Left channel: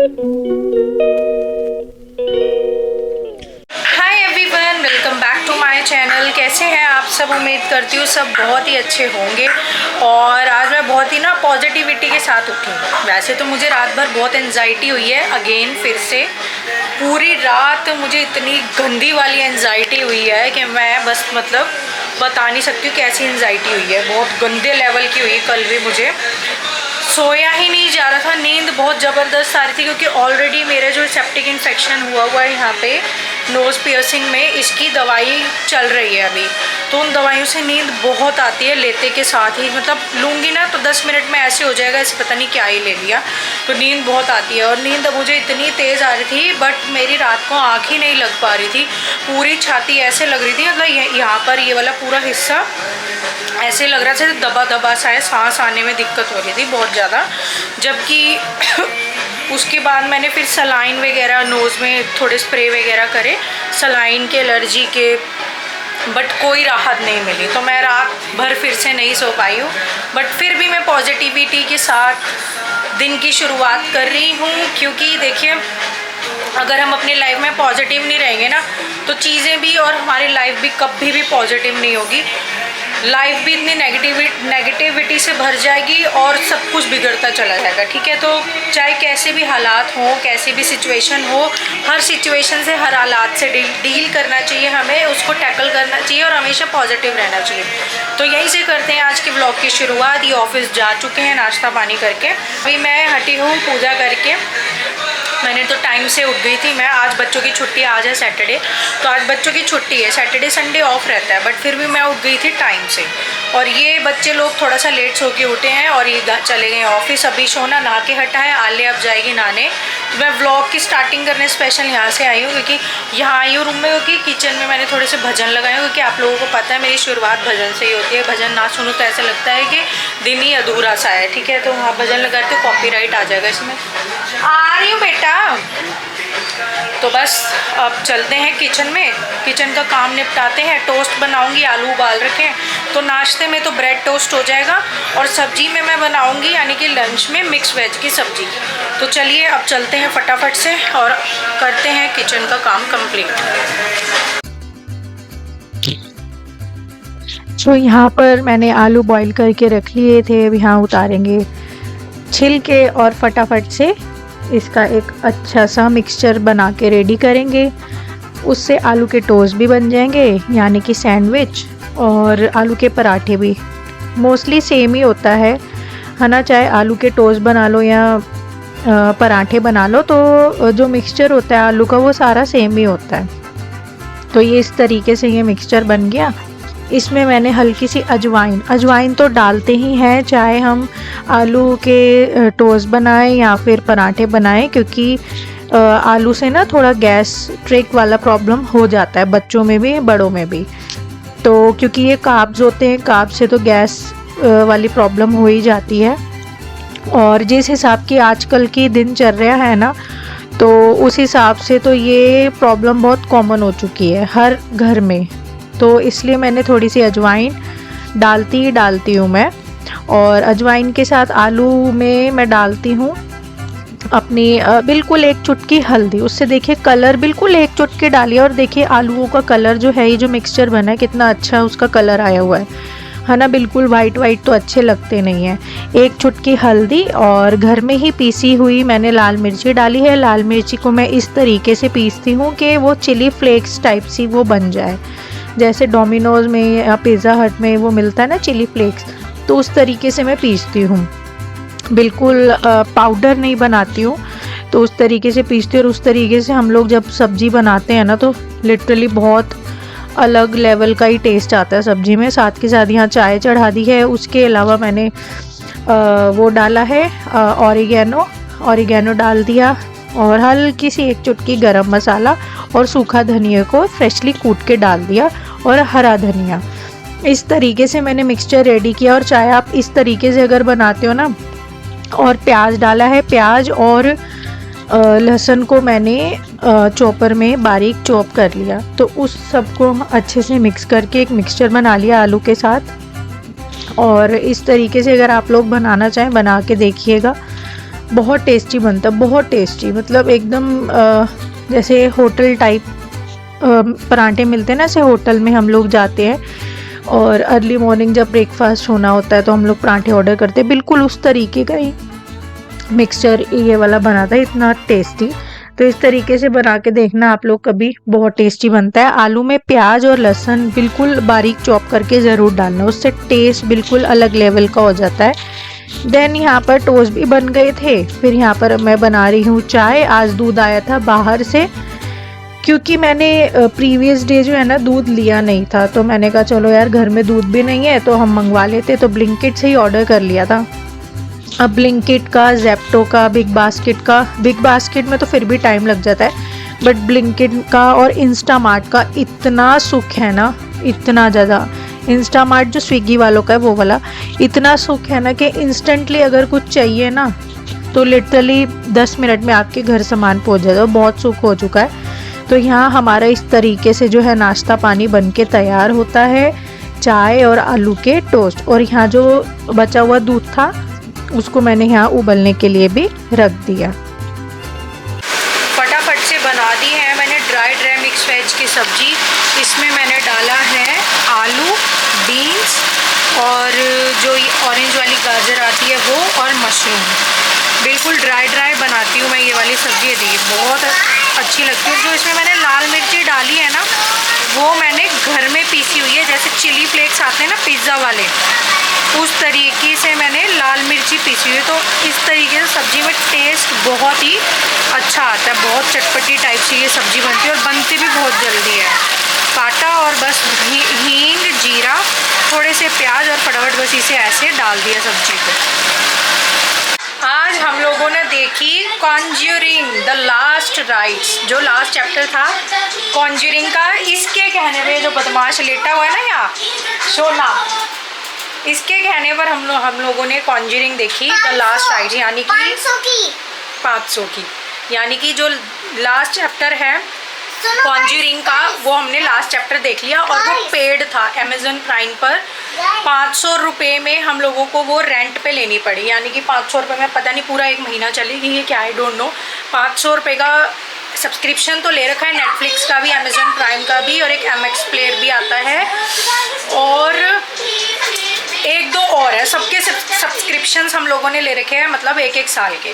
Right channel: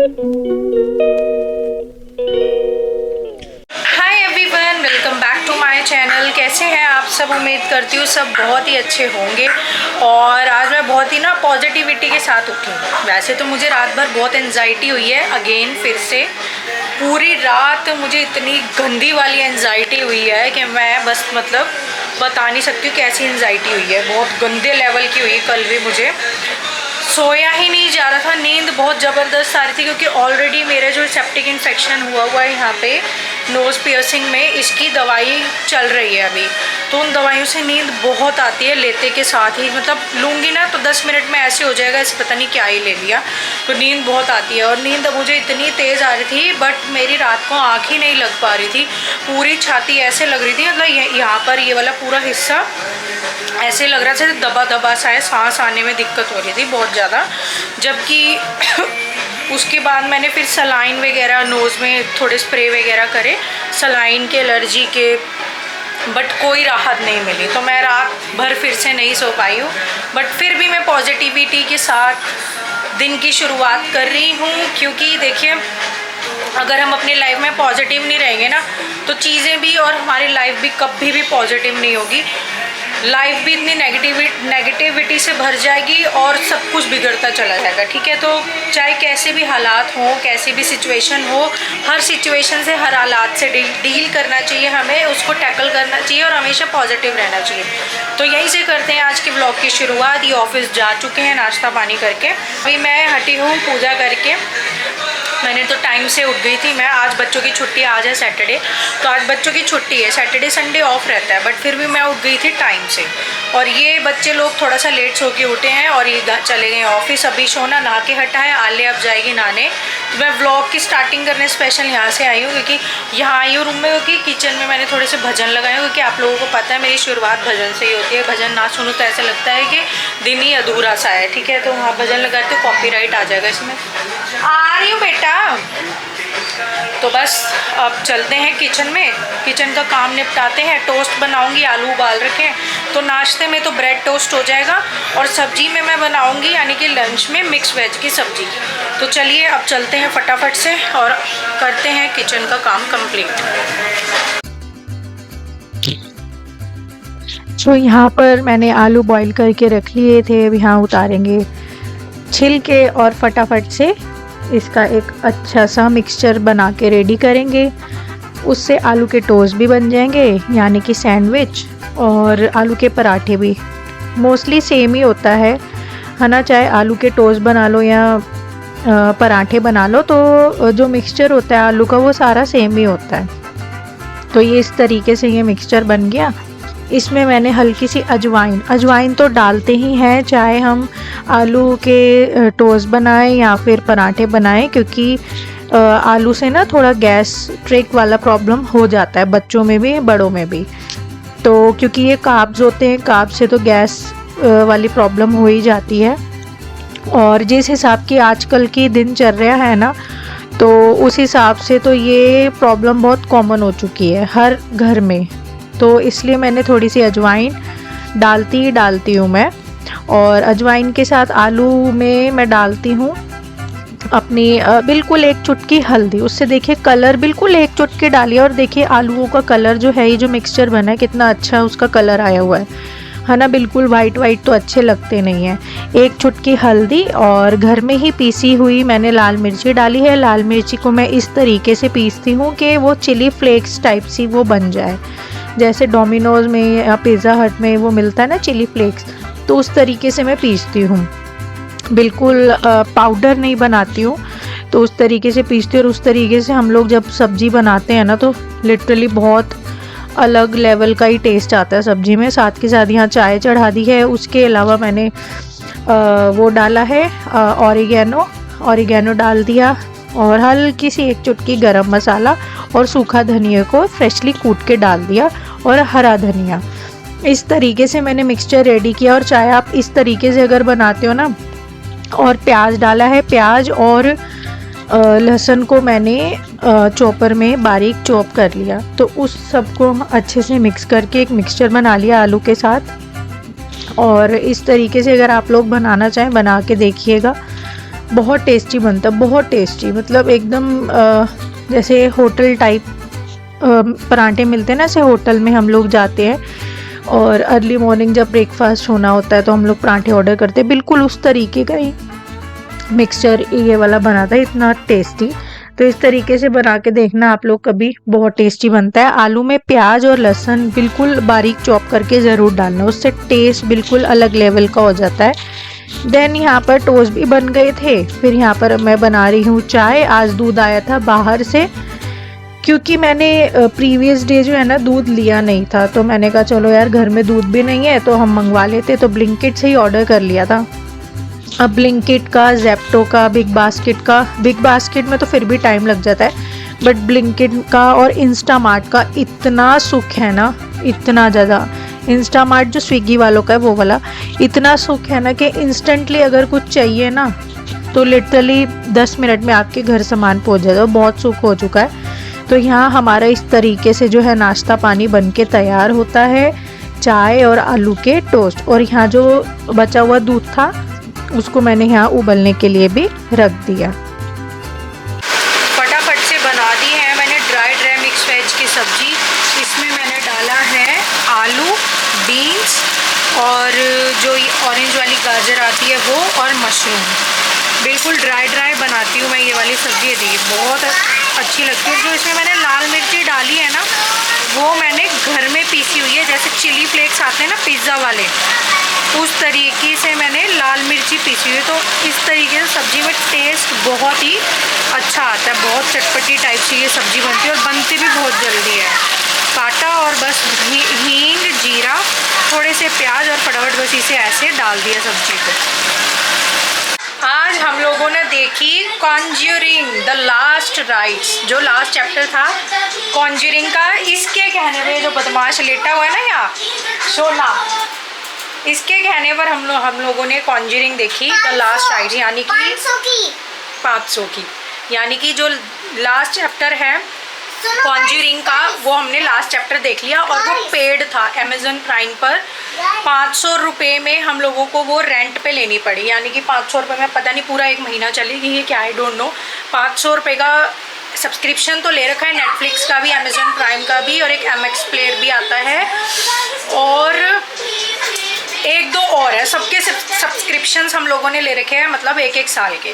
Hi everyone, welcome back to my channel. कैसे हैं आप सब? उम्मीद करती हूँ सब बहुत ही अच्छे होंगे। और आज मैं बहुत ही ना पॉजिटिविटी के साथ उठी हूँ। वैसे तो मुझे रात भर बहुत एंजाइटी हुई है, अगेन फिर से पूरी रात मुझे इतनी गंदी वाली एंजाइटी हुई है कि मैं बस मतलब बता नहीं सकती हूँ कैसी एंजाइटी हुई है। बहुत गंदे लेवल की हुई। कल भी मुझे सोया ही नहीं जा रहा था, नींद बहुत ज़बरदस्त आ रही थी क्योंकि ऑलरेडी मेरे जो सेप्टिक इन्फेक्शन हुआ है यहाँ पे नोज़ पियर्सिंग में, इसकी दवाई चल रही है अभी। तो उन दवाइयों से नींद बहुत आती है लेते के साथ ही, मतलब लूँगी ना तो 10 मिनट में ऐसे हो जाएगा ऐसे पता नहीं क्या ही ले लिया। तो नींद बहुत आती है और नींद मुझे इतनी तेज़ आ रही थी, बट मेरी रात को आँख ही नहीं लग पा रही थी। पूरी छाती ऐसे लग रही थी, मतलब यहाँ पर ये वाला पूरा हिस्सा ऐसे लग रहा था जैसे दबा दबा सा है, सांस आने में दिक्कत हो रही थी बहुत ज़्यादा। जबकि उसके बाद मैंने फिर सलाइन वगैरह नोज़ में थोड़े स्प्रे वगैरह करे सलाइन के, एलर्जी के, बट कोई राहत नहीं मिली। तो मैं रात भर फिर से नहीं सो पाई हूँ, बट फिर भी मैं पॉजिटिविटी के साथ दिन की शुरुआत कर रही हूँ। क्योंकि देखिए, अगर हम अपनी लाइफ में पॉजिटिव नहीं रहेंगे ना तो चीज़ें भी और हमारी लाइफ भी कभी भी पॉजिटिव नहीं होगी। लाइफ भी इतनी नेगेटिविटी से भर जाएगी और सब कुछ बिगड़ता चला जाएगा। ठीक है, तो चाहे कैसे भी हालात हों, कैसी भी सिचुएशन हो, हर सिचुएशन से, हर हालात से डील करना चाहिए हमें, उसको टैकल करना चाहिए और हमेशा पॉजिटिव रहना चाहिए। तो यहीं से करते हैं आज के व्लॉग की शुरुआत। ये ऑफिस जा चुके हैं नाश्ता पानी करके, अभी मैं हटी हूँ पूजा करके। मैंने तो टाइम से उठ गई थी मैं। आज बच्चों की छुट्टी, आज है सैटरडे, तो आज बच्चों की छुट्टी है। सैटरडे संडे ऑफ रहता है, बट फिर भी मैं उठ गई थी टाइम से। और ये बच्चे लोग थोड़ा सा लेट सो के उठे हैं और ये चले गए ऑफिस। अभी सोना नहा के हटा है, आले अब जाएगी नहाने। तो मैं व्लॉग की स्टार्टिंग करने स्पेशल यहाँ से आई हूँ, क्योंकि यहाँ आई हूँ रूम में, क्योंकि किचन में मैंने थोड़े से भजन लगाए हैं। क्योंकि आप लोगों को पता है मेरी शुरुआत भजन से ही होती है। भजन ना सुनूँ तो ऐसा लगता है कि दिन ही अधूरा सा है। ठीक है, तो वहाँ भजन लगा के कॉपीराइट आ जाएगा इसमें। आ रही हूँ बेटा। तो बस अब चलते हैं किचन में, किचन का काम निपटाते हैं। टोस्ट बनाऊंगी, आलू उबाल रखे हैं, तो नाश्ते में तो ब्रेड टोस्ट हो जाएगा और सब्जी में मैं बनाऊंगी यानी कि लंच में मिक्स वेज की सब्जी। तो चलिए अब चलते हैं फटाफट से और करते हैं किचन का काम कंप्लीट। तो यहाँ पर मैंने आलू बॉईल करके रख लिए थे। अब यहाँ उतारेंगे छिलके और फटाफट से इसका एक अच्छा सा मिक्सचर बना के रेडी करेंगे। उससे आलू के टोस्ट भी बन जाएंगे यानी कि सैंडविच, और आलू के पराठे भी। मोस्टली सेम ही होता है ना, चाहे आलू के टोस्ट बना लो या पराठे बना लो, तो जो मिक्सचर होता है आलू का वो सारा सेम ही होता है। तो ये इस तरीके से ये मिक्सचर बन गया। इसमें मैंने हल्की सी अजवाइन तो डालते ही हैं, चाहे हम आलू के टोस्ट बनाएं या फिर पराठे बनाएं, क्योंकि आलू से ना थोड़ा गैस्ट्रिक वाला प्रॉब्लम हो जाता है बच्चों में भी बड़ों में भी। तो क्योंकि ये कार्ब्स होते हैं, कार्ब्स से तो गैस वाली प्रॉब्लम हो ही जाती है। और जिस हिसाब की आजकल की दिनचर्या है ना, तो उस हिसाब से तो ये प्रॉब्लम बहुत कॉमन हो चुकी है हर घर में। तो इसलिए मैंने थोड़ी सी अजवाइन डालती हूँ मैं। और अजवाइन के साथ आलू में मैं डालती हूँ अपनी बिल्कुल एक चुटकी हल्दी। उससे देखिए कलर बिल्कुल एक चुटकी डालिए और देखिए आलूओं का कलर जो है, ये जो मिक्सचर बना है कितना अच्छा उसका कलर आया हुआ है ना। बिल्कुल वाइट तो अच्छे लगते नहीं हैं। एक चुटकी हल्दी और घर में ही पीसी हुई मैंने लाल मिर्ची डाली है। लाल मिर्ची को मैं इस तरीके से पीसती हूँ कि वो चिली फ्लेक्स टाइप सी वो बन जाए, जैसे डोमिनोज़ में या पिज़्ज़ा हट में वो मिलता है ना चिली फ्लेक्स, तो उस तरीके से मैं पीसती हूँ। बिल्कुल पाउडर नहीं बनाती हूँ, तो उस तरीके से पीसती हूँ। और उस तरीके से हम लोग जब सब्ज़ी बनाते हैं ना, तो लिटरली बहुत अलग लेवल का ही टेस्ट आता है सब्ज़ी में। साथ के साथ यहाँ चाय चढ़ा दी है। उसके अलावा मैंने वो डाला है ऑरिगेनो डाल दिया, और हल्की सी एक चुटकी गरम मसाला और सूखा धनिया को फ्रेशली कूट के डाल दिया, और हरा धनिया। इस तरीके से मैंने मिक्सचर रेडी किया। और चाहे आप इस तरीके से अगर बनाते हो ना, और प्याज डाला है, प्याज और लहसुन को मैंने चॉपर में बारीक चॉप कर लिया। तो उस सब को अच्छे से मिक्स करके एक मिक्सचर बना लिया आलू के साथ। और इस तरीके से अगर आप लोग बनाना चाहें बना के देखिएगा, बहुत टेस्टी बनता है, बहुत टेस्टी, मतलब एकदम जैसे होटल टाइप पराठे मिलते हैं ना, ऐसे होटल में हम लोग जाते हैं और अर्ली मॉर्निंग जब ब्रेकफास्ट होना होता है तो हम लोग पराठे ऑर्डर करते हैं, बिल्कुल उस तरीके का ही मिक्सचर ये वाला बना था, इतना टेस्टी। तो इस तरीके से बना के देखना आप लोग कभी, बहुत टेस्टी बनता है। आलू में प्याज और लहसुन बिल्कुल बारीक चॉप करके ज़रूर डालना, उससे टेस्ट बिल्कुल अलग लेवल का हो जाता है। देन यहाँ पर टोस्ट भी बन गए थे। फिर यहाँ पर मैं बना रही हूँ चाय। आज दूध आया था बाहर से, क्योंकि मैंने प्रीवियस डे जो है ना दूध लिया नहीं था, तो मैंने कहा चलो यार घर में दूध भी नहीं है तो हम मंगवा लेते, तो ब्लिंकिट से ही ऑर्डर कर लिया था। अब ब्लिंकिट का, जेप्टो का, बिग बास्केट में तो फिर भी टाइम लग जाता है, बट ब्लिंकिट का और इंस्टामार्ट का इतना सुख है ना, इतना ज़्यादा। इंस्टामार्ट जो स्विगी वालों का है वो वाला, इतना सुख है ना कि इंस्टेंटली अगर कुछ चाहिए ना तो लिटरली 10 मिनट में आपके घर सामान पहुंच जाता है, बहुत सुख हो चुका है। तो यहाँ हमारा इस तरीके से जो है नाश्ता पानी बन के तैयार होता है, चाय और आलू के टोस्ट। और यहाँ जो बचा हुआ दूध था उसको मैंने यहाँ उबलने के लिए भी रख दिया। फटाफट से बना दी है मैंने ड्राई मिक्स वेज की सब्जी। इसमें मैंने डाला है आलू, बीन्स और जो ऑरेंज वाली गाजर आती है वो, और मशरूम। बिल्कुल ड्राई बनाती हूँ मैं ये वाली सब्जी, दी बहुत अच्छी लगती है। जो इसमें मैंने लाल मिर्ची डाली है ना वो मैंने घर में पीसी हुई है, जैसे चिली फ्लेक्स आते हैं ना पिज़्ज़ा वाले, उस तरीके से मैंने लाल मिर्ची पीसी हुई है। तो इस तरीके से सब्ज़ी में टेस्ट बहुत ही अच्छा आता है, बहुत चटपटी टाइप से ये सब्ज़ी बनती है और बनती भी बहुत जल्दी है। काटा और बस हींग, जीरा, थोड़े से प्याज और फटाफट बस इसे ऐसे डाल दिया सब्जी को। आज हम लोगों ने देखी कॉन्ज्यूरिंग द लास्ट राइट्स, जो लास्ट चैप्टर था कॉन्ज्यूरिंग का। इसके कहने पे जो बदमाश लेटा हुआ है ना यहाँ सोना, इसके कहने पर हम लोगों ने कॉन्ज्यूरिंग देखी द लास्ट राइट्स, यानी कि 500 की, यानी कि जो लास्ट चैप्टर है कॉन्ज्यूरिंग का वो हमने लास्ट चैप्टर देख लिया। और वो पेड था अमेज़न प्राइम पर, 500 रुपये में हम लोगों को वो रेंट पे लेनी पड़ी, यानी कि 500 रुपये में पता नहीं पूरा 1 महीना चलेगी ये क्या है, डोंट नो। 500 रुपये का सब्सक्रिप्शन तो ले रखा है, नेटफ्लिक्स का भी, अमेज़न प्राइम का भी, और एक MX प्लेयर भी आता है, और 1-2 और है। सबके सब्सक्रिप्शंस हम लोगों ने ले रखे हैं, मतलब 1-1 साल के।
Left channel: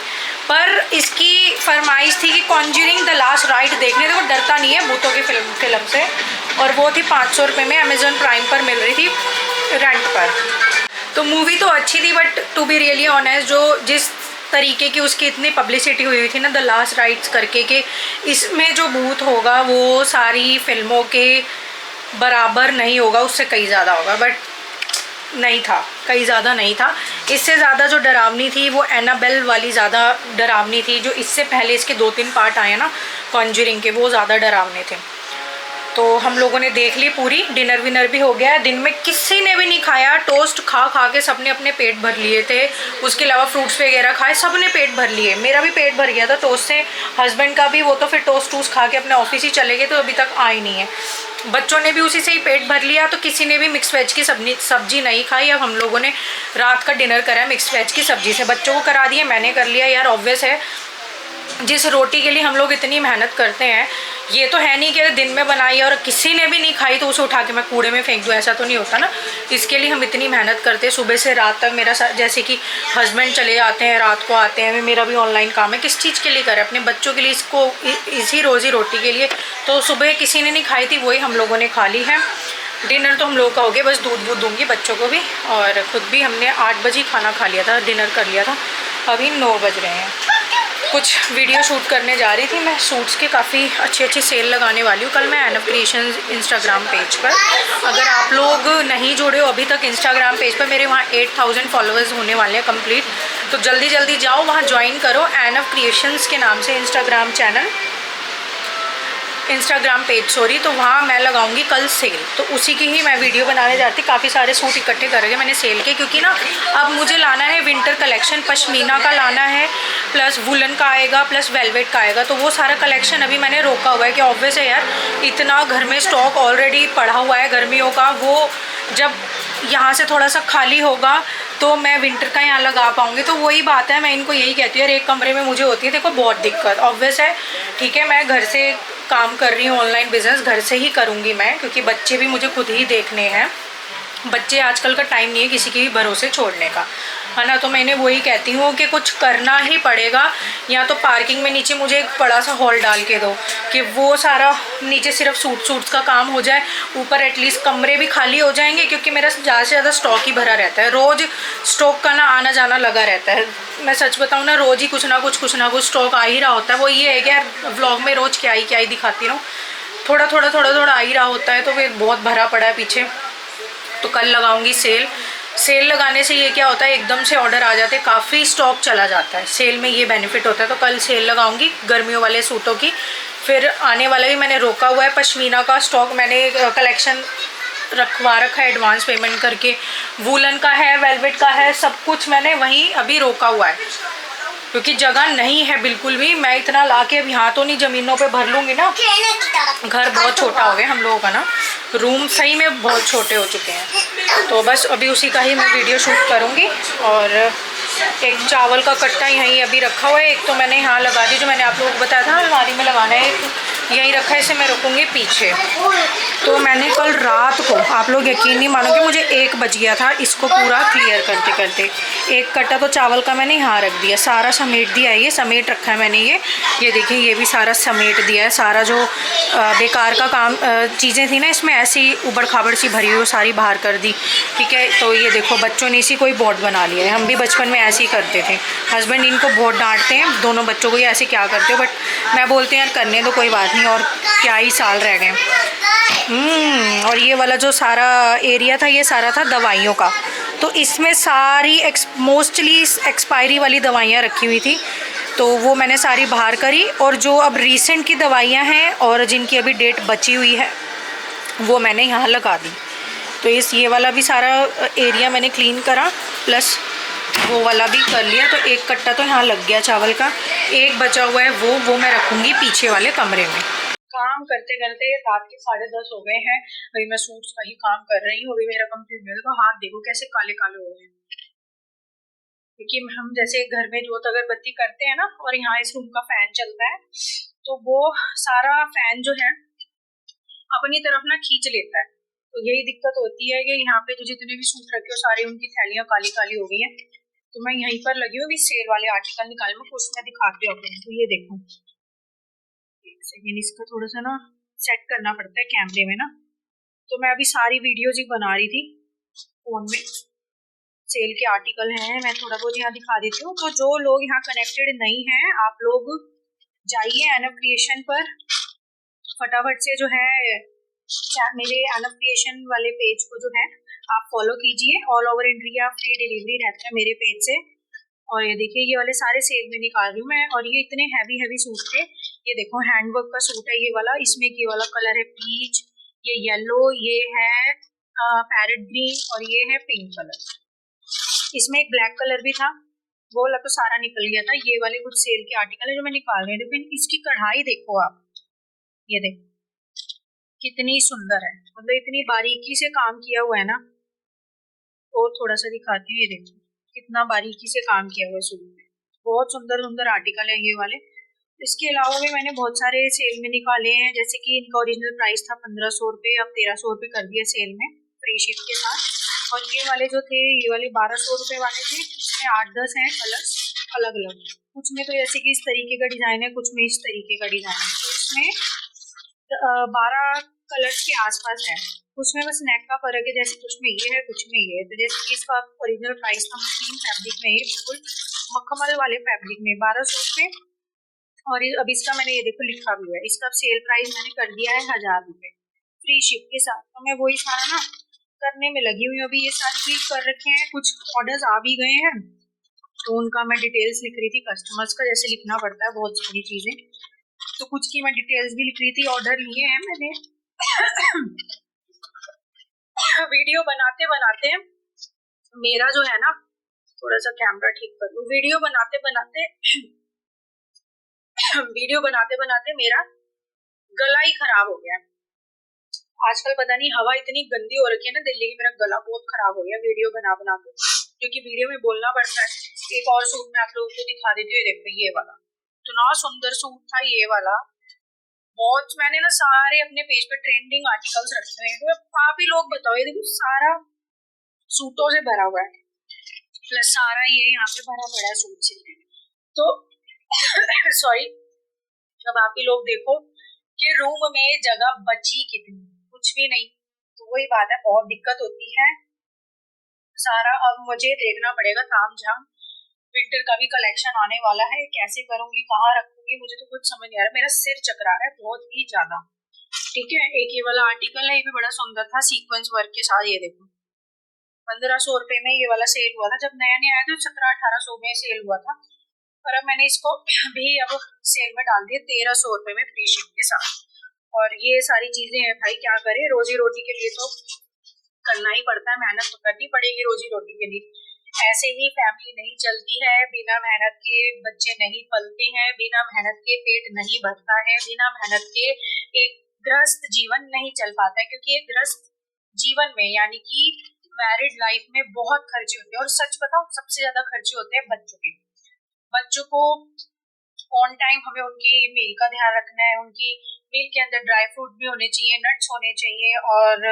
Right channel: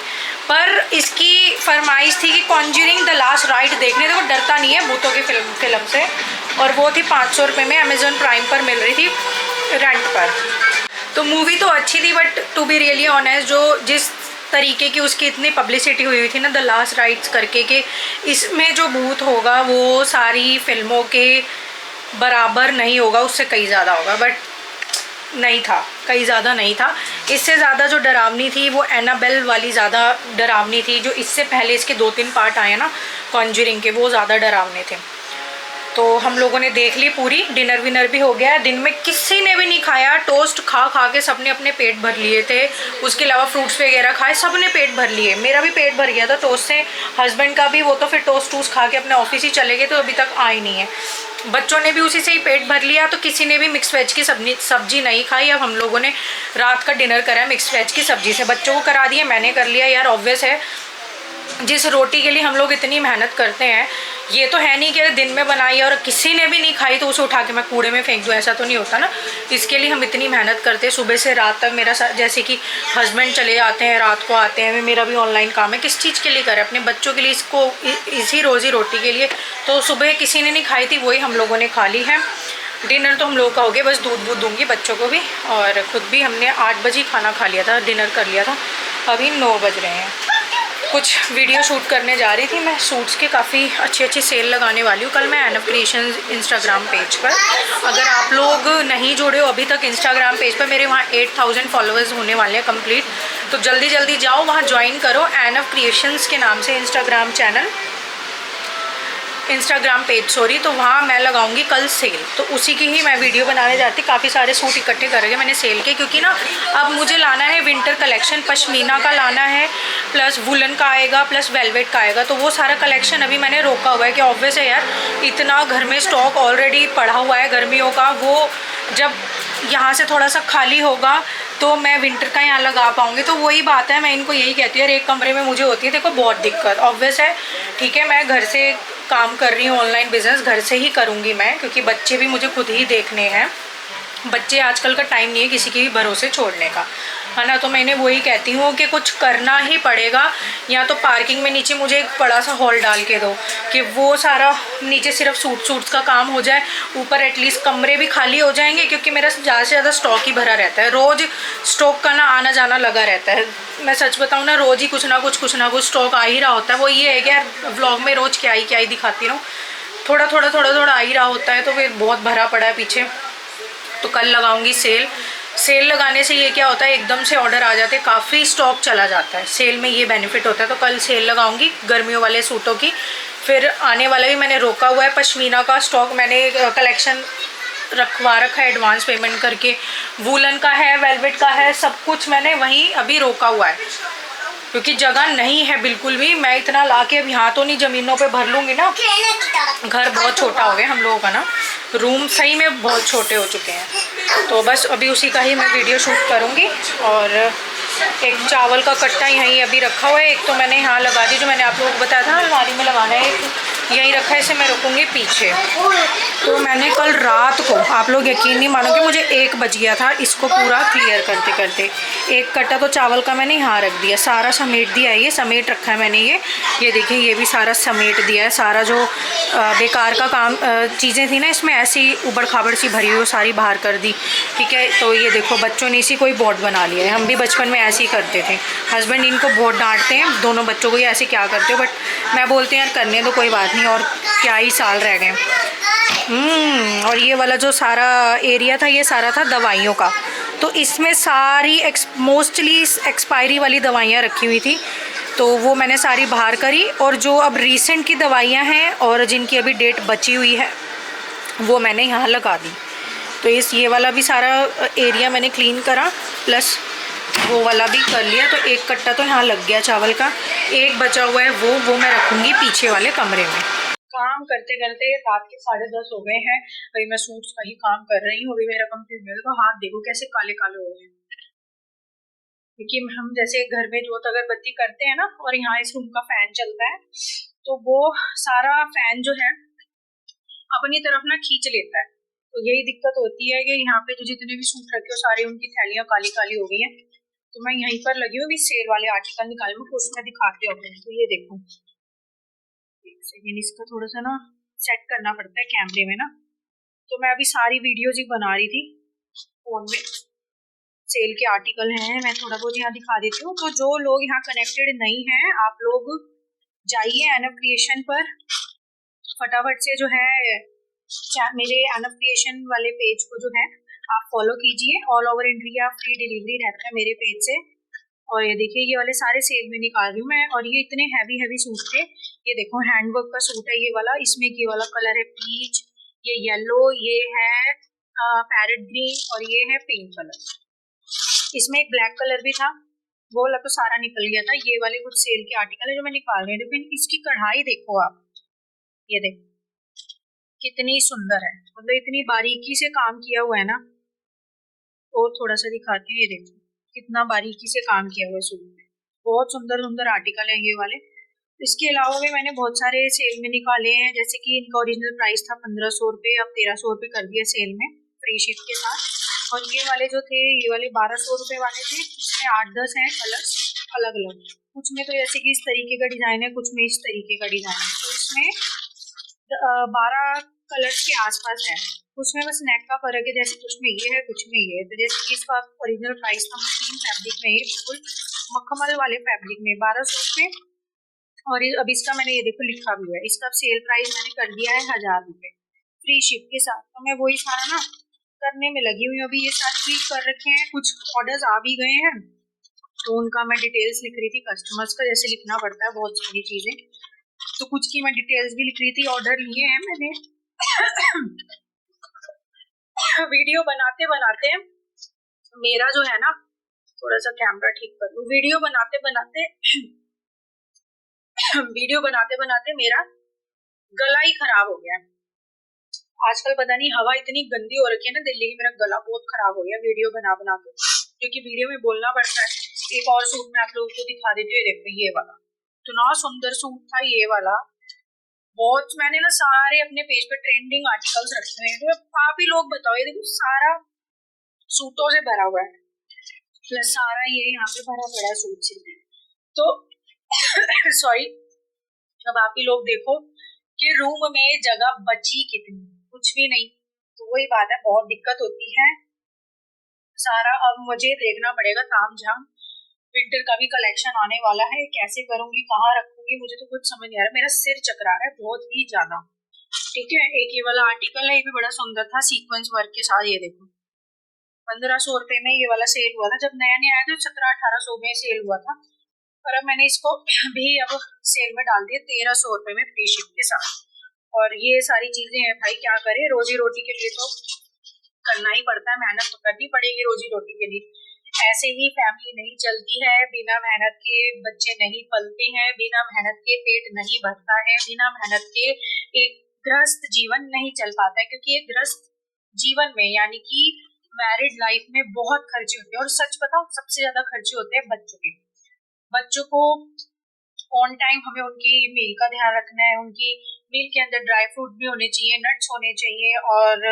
पर इसकी फरमाइश थी कि कॉन्ज्यूरिंग द लास्ट राइट देखने, वो डरता नहीं है भूतों के फिल्म से, और वो थी 500 रुपये में अमेज़न प्राइम पर मिल रही थी रेंट पर। तो मूवी तो अच्छी थी, but to be really honest जो जिस तरीके की उसकी इतनी पब्लिसिटी हुई थी ना द लास्ट राइट्स करके, कि इसमें जो भूत होगा वो सारी फिल्मों के बराबर नहीं होगा, उससे कहीं ज़्यादा होगा, बट नहीं था, कहीं ज़्यादा नहीं था। इससे ज़्यादा जो डरावनी थी वो एनाबेल वाली ज़्यादा डरावनी थी, जो इससे पहले इसके 2-3 पार्ट आए ना कॉन्ज्यूरिंग के, वो ज़्यादा डरावने थे। तो हम लोगों ने देख ली पूरी, डिनर विनर भी हो गया। दिन में किसी ने भी नहीं खाया, टोस्ट खा के सबने अपने पेट भर लिए थे, उसके अलावा फ्रूट्स वगैरह खाए, सबने पेट भर लिए। मेरा भी पेट भर गया था टोस्ट से, हस्बैंड का भी, वो तो फिर टोस्ट खा के अपने ऑफिस ही चले गए, तो अभी तक आए नहीं है। बच्चों ने भी उसी से ही पेट भर लिया, तो किसी ने भी मिक्स वेज की सब्जी नहीं खाई। अब हम लोगों ने रात का डिनर करा है मिक्स वेज की सब्जी से, बच्चों को करा दिया, मैंने कर लिया। यार ऑब्वियस है, जिस रोटी के लिए हम लोग इतनी मेहनत करते हैं, ये तो है नहीं कि दिन में बनाई और किसी ने भी नहीं खाई तो उसे उठा के मैं कूड़े में फेंक दूँ, ऐसा तो नहीं होता ना। इसके लिए हम इतनी मेहनत करते हैं सुबह से रात तक। मेरा जैसे कि हस्बैंड चले जाते हैं, रात को आते हैं, मेरा भी ऑनलाइन काम है, किस चीज़ के लिए करें, अपने बच्चों के लिए, इसको इसी रोज़ी रोटी के लिए। तो सुबह किसी ने नहीं खाई थी, वही हम लोगों ने खा ली है। डिनर तो हम लोगों का हो गया, बस दूध दूंगी बच्चों को भी, और खुद भी हमने 8 बजे खाना खा लिया था, डिनर कर लिया था। अभी 9 बज रहे हैं। कुछ वीडियो शूट करने जा रही थी मैं, शॉर्ट्स की काफ़ी अच्छे सेल लगाने वाली हूँ कल मैं एनफ क्रिएशन इंस्टाग्राम पेज पर। अगर आप लोग नहीं जुड़े हो अभी तक इंस्टाग्राम पेज पर, मेरे वहाँ 8000 फॉलोअर्स होने वाले हैं कंप्लीट, तो जल्दी जाओ वहाँ ज्वाइन करो, एनफ क्रिएशंस के नाम से इंस्टाग्राम पेज तो वहाँ मैं लगाऊंगी कल सेल, तो उसी की ही मैं वीडियो बनाने जाती। काफ़ी सारे सूट इकट्ठे करेंगे मैंने सेल के, क्योंकि ना अब मुझे लाना है विंटर कलेक्शन, पश्मीना का लाना है, प्लस वुलन का आएगा, प्लस वेलवेट का आएगा। तो वो सारा कलेक्शन अभी मैंने रोका हुआ है कि ऑब्वियस है यार, इतना घर में स्टॉक ऑलरेडी पड़ा हुआ है गर्मियों का, वो जब यहाँ से थोड़ा सा खाली होगा तो मैं विंटर का यहाँ लगा पाऊँगी। तो वही बात है, मैं इनको यही कहती हूँ, एक कमरे में मुझे होती है देखो बहुत दिक्कत, ऑब्वियस है। ठीक है, मैं घर से काम कर रही हूँ, ऑनलाइन बिजनेस घर से ही करूँगी मैं, क्योंकि बच्चे भी मुझे खुद ही देखने हैं। बच्चे आजकल का टाइम नहीं है किसी के भी भरोसे छोड़ने का, है ना। तो मैंने वही कहती हूँ कि कुछ करना ही पड़ेगा। या तो पार्किंग में नीचे मुझे एक बड़ा सा हॉल डाल के दो कि वो सारा नीचे सिर्फ सूट का काम हो जाए, ऊपर एटलीस्ट कमरे भी खाली हो जाएंगे, क्योंकि मेरा ज़्यादा से ज़्यादा स्टॉक ही भरा रहता है। रोज़ स्टॉक का ना आना जाना लगा रहता है। मैं सच बताऊँ ना, रोज़ ही कुछ ना कुछ स्टॉक आ ही रहा होता है। वो ये है कि व्लॉग में रोज़ क्या ही दिखाती रहूँ, थोड़ा आ ही रहा होता है। तो फिर बहुत भरा पड़ा है पीछे। तो कल लगाऊंगी सेल लगाने से ये क्या होता है, एकदम से ऑर्डर आ जाते हैं, काफ़ी स्टॉक चला जाता है। सेल में ये बेनिफिट होता है। तो कल सेल लगाऊंगी गर्मियों वाले सूटों की। फिर आने वाला भी मैंने रोका हुआ है पश्मीना का स्टॉक, मैंने कलेक्शन रखवा रखा है एडवांस पेमेंट करके। वूलन का है, वेलवेट का है, सब कुछ मैंने वहीं अभी रोका हुआ है, क्योंकि जगह नहीं है बिल्कुल भी। मैं इतना ला के अब यहाँ तो नहीं ज़मीनों पे भर लूँगी ना, घर बहुत छोटा हो गया हम लोगों का ना, रूम सही में बहुत छोटे हो चुके हैं। तो बस अभी उसी का ही मैं वीडियो शूट करूँगी। और एक चावल का कट्टा यहीं अभी रखा हुआ है, एक तो मैंने यहाँ लगा दी, जो मैंने आप लोगों को बताया था अलमारी में लगाना है, एक यहीं रखा है, इसे मैं रखूँगी पीछे। तो मैंने कल रात को, आप लोग यकीन नहीं मानोगे, मुझे 1 बज गया था इसको पूरा क्लियर करते करते। एक कट्टा तो चावल का मैंने यहाँ रख दिया, सारा समेट दिया है, ये समेट रखा है मैंने। ये देखिए, ये भी सारा समेट दिया है। सारा जो बेकार का काम चीज़ें थी ना इसमें, ऐसी उबड़ खाबड़ सी भरी हुई, सारी बाहर कर दी। ठीक है, तो ये देखो बच्चों ने इसी को ही बोर्ड बना लिया है। हम भी बचपन में ऐसे ही करते थे, हस्बैंड इनको बहुत डांटते हैं दोनों बच्चों को, ये ऐसे क्या करते हो, बट मैं बोलती हूँ यार करने दो, कोई बात नहीं, और क्या ही साल रह गए। और ये वाला जो सारा एरिया था, ये सारा था दवाइयों का। तो इसमें सारी मोस्टली एक्सपायरी वाली दवाइयाँ रखी हुई थी, तो वो मैंने सारी बाहर करी। और जो अब रीसेंट की दवाइयाँ हैं और जिनकी अभी डेट बची हुई है, वो मैंने यहाँ लगा दी। तो ये वाला भी सारा एरिया मैंने क्लीन करा, प्लस वो वाला भी कर लिया। तो एक कट्टा तो यहाँ लग गया चावल का, एक बचा हुआ है वो मैं रखूँगी पीछे वाले कमरे में। काम करते करते रात के 10:30 हो गए हैं। अभी मैं सूट्स का ही काम कर रही हूँ, अभी मेरा कंप्लीट नहीं होगा। हाथ देखो कैसे काले काले हो गए हैं, क्योंकि हम जैसे घर में जोत अगरबत्ती करते हैं ना, और यहाँ इस रूम का फैन चलता है, तो वो सारा फैन जो है अपनी तरफ ना खींच लेता है। तो यही दिक्कत होती है कि यहाँ पे जो जितने भी सूट रखे हो सारी उनकी थैलियाँ काली काली हो गई हैं। तो मैं यहीं पर लगी हूँ, अभी सेल वाले आर्टिकल निकाल लूँ, उसमें दिखाती हूँ। तो ये देखो, एक सेकेंड, इसका थोड़ा सा ना सेट करना पड़ता है कैमरे में ना। तो मैं अभी सारी वीडियोज ही बना रही थी फोन में, सेल के आर्टिकल हैं, मैं थोड़ा बहुत यहाँ दिखा देती हूँ। तो जो लोग यहाँ कनेक्टेड नहीं हैं, आप लोग जाइए एनएफ क्रिएशन पर, फटाफट से जो है मेरे एनएफ क्रिएशन वाले पेज को जो है आप फॉलो कीजिए। All over India free delivery रहता है मेरे पेज से। और ये देखिए, ये वाले सारे सेल में निकाल रही हूँ मैं, और ये इतने हैवी सूट थे। ये देखो हैंडवर्क का सूट है ये वाला, इसमें ये वाला कलर है पीच, ये येलो, ये है पैरेट ग्रीन, और ये है पिंक कलर। इसमें एक ब्लैक कलर भी था, वो वाला तो सारा निकल गया था। ये वाले कुछ सेल के आर्टिकल है जो मैं निकाल रही थी। फिर इसकी कढ़ाई देखो आप, ये देखो कितनी सुंदर है, मतलब इतनी बारीकी से काम किया हुआ है ना। और थोड़ा सा दिखाती हूँ, ये देखो कितना बारीकी से काम किया हुआ है सूट में, बहुत सुंदर सुंदर आर्टिकल है ये वाले। इसके अलावा भी मैंने बहुत सारे सेल में निकाले हैं, जैसे कि इनका ओरिजिनल प्राइस था 1500 रुपये, अब 1300 रुपये कर दिया सेल में फ्री शिप के साथ। और ये वाले जो थे, ये वाले 1200 रुपये वाले थे, इसमें 8-10 हैं कलर्स अलग अलग। कुछ में तो जैसे कि इस तरीके का डिजाइन है, कुछ में इस तरीके का डिजाइन है। तो इसमें 12 कलर्स के आसपास है। उसमें बस नेक का फर्क है, जैसे कुछ में ये है कुछ में ये है। तो जैसे कि इसका ओरिजिनल प्राइस था मशीन फैब्रिक में, बिल्कुल मखमल वाले फैब्रिक में 1200 रुपये। और अब इसका मैंने ये देखो लिखा भी है, इसका सेल प्राइस मैंने कर दिया है 1000 रुपये फ्री शिप के साथ। तो मैं वही सारा ना करने में लगी हुई हूँ। अभी ये सारे चीज कर रखे हैं, कुछ ऑर्डर्स आ भी गए हैं, तो उनका मैं डिटेल्स लिख रही थी। कस्टमर्स का जैसे लिखना पड़ता है बहुत सारी चीजें, तो कुछ की मैं डिटेल्स भी लिख रही थी। ऑर्डर लिए हैं मैंने। वीडियो बनाते बनाते मेरा जो है ना, थोड़ा सा कैमरा ठीक कर लूं, वीडियो बनाते बनाते मेरा गला ही खराब हो गया। आजकल पता नहीं हवा इतनी गंदी हो रखी है ना दिल्ली की, मेरा गला बहुत खराब हो गया वीडियो बना बना के, क्योंकि वीडियो में बोलना पड़ता है। एक और सूट मैं आप लोगों को दिखा देती हूँ, देखो ये वाला इतना सुंदर सूट था ये वाला। बहुत मैंने ना सारे अपने पेज पे ट्रेंडिंग आर्टिकल्स रखे हैं, तो आप ही लोग बताओ, ये देखो सारा सूटों से भरा हुआ है, प्लस सारा ये यहाँ पे भरा पड़ा है सूट से। तो सॉरी, अब आप ही लोग देखो कि रूम में जगह बची कितनी, कुछ भी नहीं। तो वही बात है, बहुत दिक्कत होती है। सारा अब मुझे देखना पड़ेगा ताम झाम। विंटर का भी कलेक्शन आने वाला है, कैसे करूंगी, कहाँ रखूंगी, मुझे तो कुछ समझ नहीं आ रहा, मेरा सिर चकरा रहा है बहुत ही ज्यादा। ठीक है, एक ये वाला आर्टिकल है, ये भी बड़ा सुंदर था सीक्वेंस वर्क के साथ, ये देखो 1500 रुपए में ये वाला सेल हुआ था, जब नया नया आया तो 1700-1800 में सेल हुआ था। पर अब मैंने इसको भी अब सेल में डाल दिया 1300 रुपए में फ्री शिप के साथ। और ये सारी चीजें हैं भाई, क्या करें, रोजी रोटी के लिए तो करना ही पड़ता है, मेहनत तो करनी पड़ेगी रोजी रोटी के लिए। ऐसे ही फैमिली नहीं चलती है, बिना मेहनत के बच्चे नहीं पलते हैं, बिना मेहनत के पेट नहीं भरता है, बिना मेहनत के एक गृहस्थ जीवन नहीं चल पाता है। क्योंकि एक गृहस्थ जीवन में यानी कि मैरिड लाइफ में बहुत खर्चे होते हैं, और सच बताओ सबसे ज्यादा खर्चे होते हैं बच्चों के। बच्चों को ऑन टाइम हमें उनकी मील का ध्यान रखना है, उनकी मील के अंदर ड्राई फ्रूट भी होने चाहिए, नट्स होने चाहिए, और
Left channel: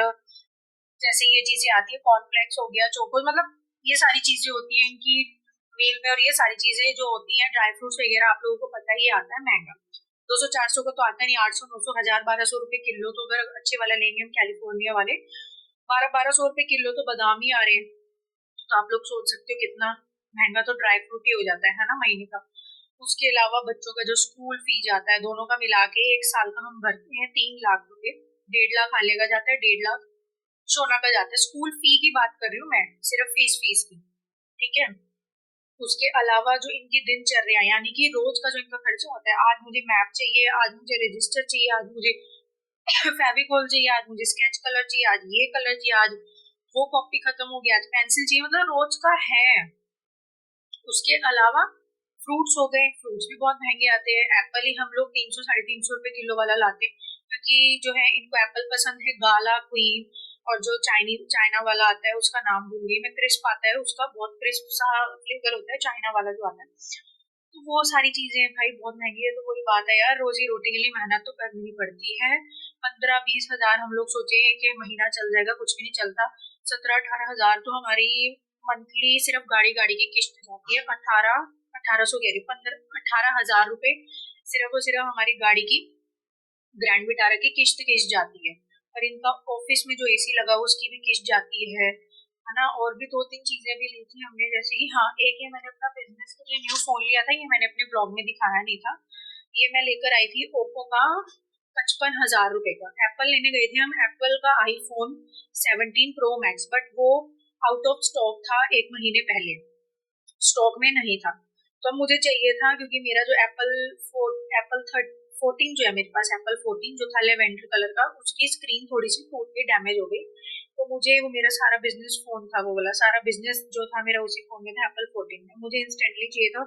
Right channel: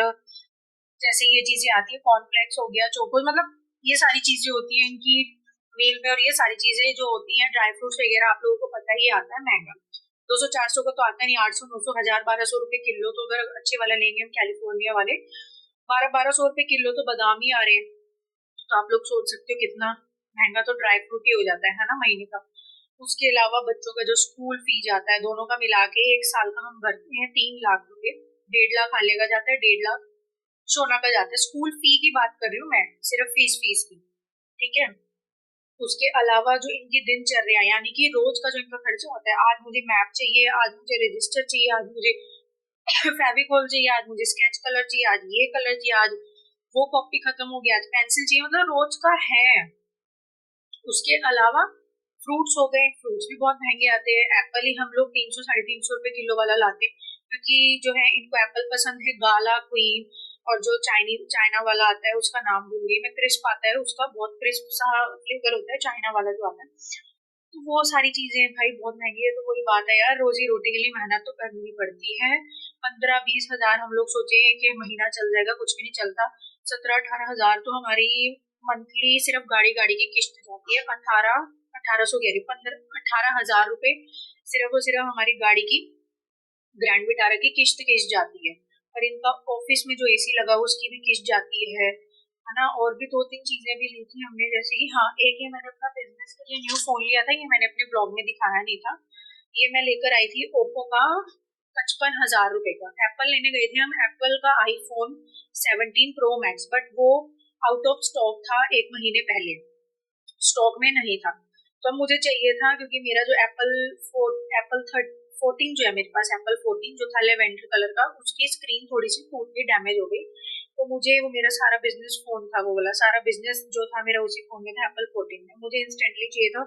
जैसे ये चीजें आती है कॉर्नफ्लेक्स हो गया, चोकोज, मतलब ये सारी चीजें होती हैं इनकी मील में। और ये सारी चीजें जो होती हैं ड्राई फ्रूट्स वगैरह, आप लोगों को पता ही आता है महंगा, 200-400 का तो आता नहीं, 800-900 1000-1200 रुपए किलो। तो अगर अच्छे वाला लेंगे हम कैलिफोर्निया वाले, 1200-1200 रुपए किलो तो बादाम ही आ रहे हैं। तो आप लोग सोच सकते हो कितना महंगा तो ड्राई फ्रूट ही हो जाता है ना महीने का। उसके अलावा बच्चों का जो स्कूल फीस जाता है, दोनों का मिला के एक साल का हम भरते हैं 3 लाख रुपए। 1.5 लाख आने का जाता है, 1.5 लाख सोना का जाता है। स्कूल फी की बात कर रही हूँ मैं, सिर्फ फीस की। ठीक है, उसके अलावा जो इनकी दिनचर्या यानी कि रोज का जो इनका खर्चा होता है, आज मुझे मैप चाहिए, आज मुझे रजिस्टर चाहिए, आज मुझे फेविकॉल चाहिए, आज मुझे स्केच कलर चाहिए, आज ये कलर चाहिए, आज वो कॉपी खत्म हो गया, आज पेंसिल चाहिए, मतलब रोज का है। उसके अलावा फ्रूट्स हो गए, फ्रूट्स भी बहुत महंगे आते हैं। एप्पल ही हम लोग 300-350 रुपए किलो वाला लाते, क्योंकि जो है इनको एप्पल पसंद है, गाला, क्वीन, और जो चाइना वाला आता है उसका नाम भूल गई मैं, क्रिस्प आता है उसका, बहुत क्रिस्प सा फ्लेवर होता है चाइना वाला जो आता है। तो वो सारी चीजें भाई बहुत महंगी है। तो वही बात है यार, रोजी रोटी के लिए मेहनत तो करनी पड़ती है। 15-20 हजार हम लोग सोचे कि महीना चल जाएगा, कुछ भी नहीं चलता। 17-18 हजार तो हमारी मंथली सिर्फ गाड़ी गाड़ी की किस्त जाती है। 1800 कह रही, 18,000 रुपए सिर्फ और सिर्फ हमारी गाड़ी की, ग्रैंड विटारा की किस्त जाती है। और इनका ऑफिस में जो एसी लगा उसकी भी किस्त जाती है ना। और भी 2-3 चीजें भी ली थी हमने, जैसे कि हाँ, एक ये मैंने अपना बिजनेस के लिए न्यू फोन लिया था, ये मैंने अपने ब्लॉग में दिखाया नहीं था। ये मैं लेकर आई थी ओप्पो का 55,000 रुपए का। एप्पल लेने गए थे हम, एप्पल का आईफोन 17 प्रो मैक्स, बट वो आउट ऑफ स्टॉक था 1 महीने पहले, स्टॉक में नहीं था। तो अब मुझे चाहिए था, क्योंकि मेरा जो एप्पल 14 जो है मेरे पास, एप्पल 14 जो था लेवेंडर कलर का, उसकी स्क्रीन थोड़ी सी टूट के डैमेज हो गई। तो मुझे वो मेरा सारा बिजनेस फोन था, वो वाला सारा बिजनेस जो था मेरा उसी फोन में था, एप्पल 14 में मुझे इंस्टेंटली चाहिए था।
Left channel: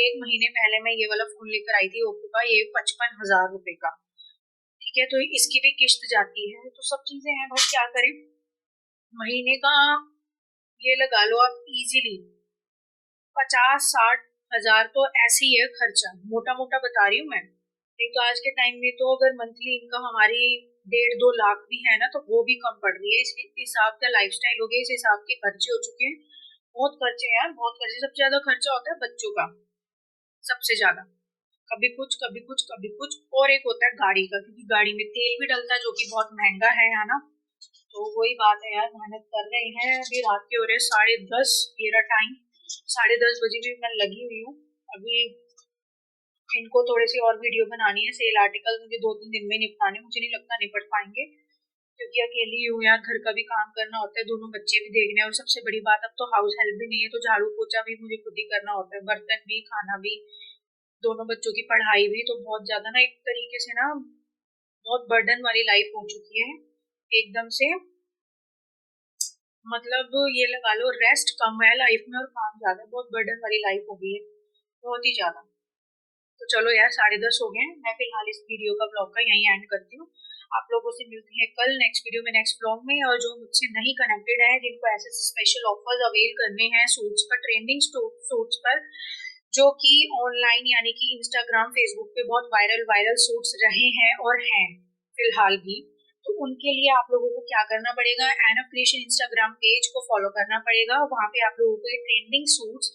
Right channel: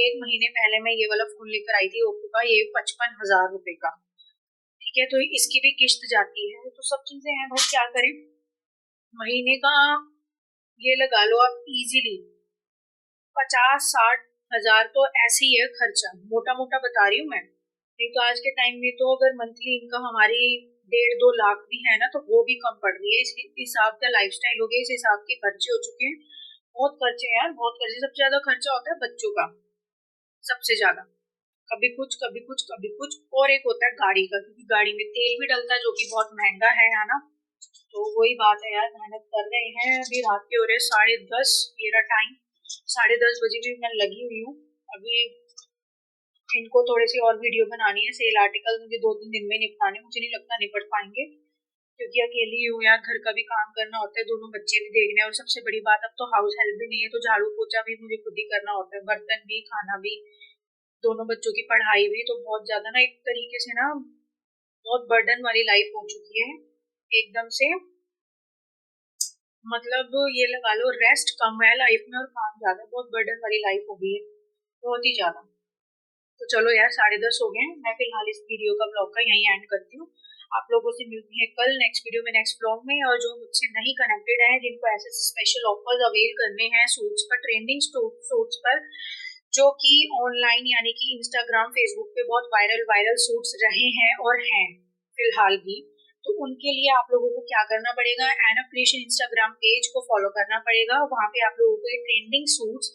1 महीने पहले मैं ये वाला फोन लेकर आई थी ओप्पो का, ये 55,000 रुपए का। ठीक है, तो इसकी भी किस्त जाती है। तो सब चीजें हैं भाई, क्या करें। महीने का ये लगा लो आप इजीली 50-60 हजार तो ऐसे ही है खर्चा, मोटा मोटा बता रही हूँ मैं। नहीं तो आज के टाइम में तो अगर मंथली इनकम हमारी 1.5-2 लाख भी है ना, तो वो भी कम पड़ रही है। इस हिसाब का लाइफस्टाइल हो गया, इस हिसाब के खर्चे हो चुके हैं। बहुत खर्चे हैं यार, बहुत खर्चे। सबसे ज्यादा खर्चा होता है बच्चों का, सबसे ज्यादा। कभी कुछ कभी कुछ कभी कुछ, और एक होता है गाड़ी का, क्योंकि गाड़ी में तेल भी डलता है जो कि बहुत महंगा है ना। तो वही बात है यार, मेहनत कर रहे हैं। अभी रात के हो रहे 10:30 मेरा टाइम, 10:30 बजे भी मैं लगी हुई हूँ। अभी इनको थोड़ी सी और वीडियो बनानी है, सेल आर्टिकल मुझे 2-3 दिन में निपटाने, मुझे नहीं लगता निपट पाएंगे, क्योंकि अकेली हूँ यार, घर का भी काम करना होता है, दोनों बच्चे भी देखने हैं, और सबसे बड़ी बात अब तो हाउस हेल्प भी नहीं है, तो झाड़ू पोछा भी मुझे खुद ही करना होता है, बर्तन भी, खाना भी, दोनों बच्चों की पढ़ाई भी। तो बहुत ज्यादा ना, एक तरीके से ना बहुत बर्डन वाली लाइफ हो चुकी है एकदम से। मतलब ये लगा लो, रेस्ट कम है लाइफ में और काम ज्यादा, बहुत बर्डन वाली लाइफ हो गई है, बहुत ही ज्यादा। तो चलो यार 10:30 हो गए, मैं फिलहाल इस वीडियो का ब्लॉग का यहीं एंड करती हूँ। आप लोगों से मिलती है कल नेक्स्ट वीडियो में, नेक्स्ट ब्लॉग में। और जो मुझसे नहीं कनेक्टेड है, जिनको ऐसे स्पेशल ऑफर्स अवेल करने हैं सूट्स पर, ट्रेंडिंग सूट्स पर, जो कि ऑनलाइन यानी कि इंस्टाग्राम फेसबुक पे बहुत वायरल सूट्स रहे हैं और हैं फिलहाल भी, तो उनके लिए आप लोगों को क्या करना पड़ेगा, N of creation Instagram page को फॉलो करना पड़ेगा। वहाँ पे आप लोगों को ट्रेंडिंग सूट्स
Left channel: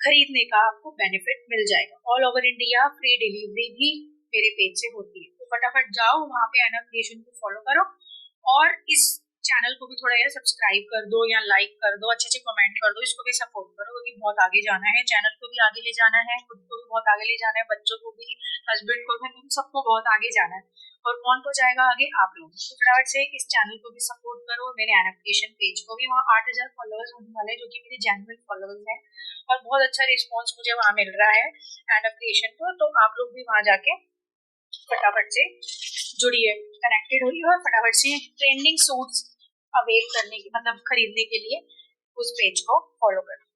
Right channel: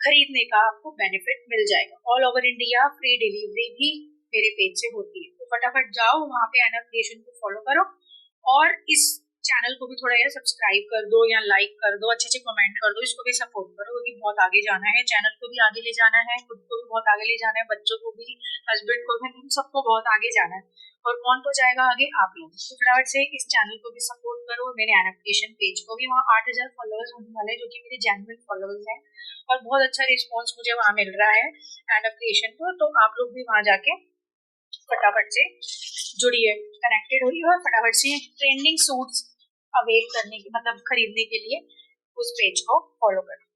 खरीदने का आपको बेनिफिट मिल जाएगा। All over India free delivery भी मेरे पेज से होती है, तो फटाफट जाओ वहाँ पे एन ऑफ क्रिएशन को फॉलो करो और इस चैनल को भी थोड़ा यार सब्सक्राइब कर दो या लाइक कर दो, अच्छे अच्छे कमेंट कर दो, इसको भी सपोर्ट करो क्योंकि बहुत आगे जाना है, चैनल को भी आगे ले जाना है, खुद को भी बहुत आगे ले जाना है, बच्चों को भी, हस्बैंड को भी, तुम सबको बहुत आगे जाना है। और कौन तो जाएगा आगे, आप लोग। तो फटाफट से इस चैनल को भी सपोर्ट करो, मेरे एनिमेशन पेज को भी। वहाँ 8,000 फॉलोअर्स होने वाले हैं जो कि मेरे जेन्युइन फॉलोअर्स हैं और बहुत अच्छा रिस्पॉन्स मुझे वहाँ मिल रहा है एनिमेशन को। तो आप लोग भी वहाँ जाके फटाफट से जुड़िए, कनेक्टेड हुई और फटाफट से ट्रेंडिंग सूट्स अवेल करने के मतलब खरीदने के लिए उस पेज को फॉलो करें।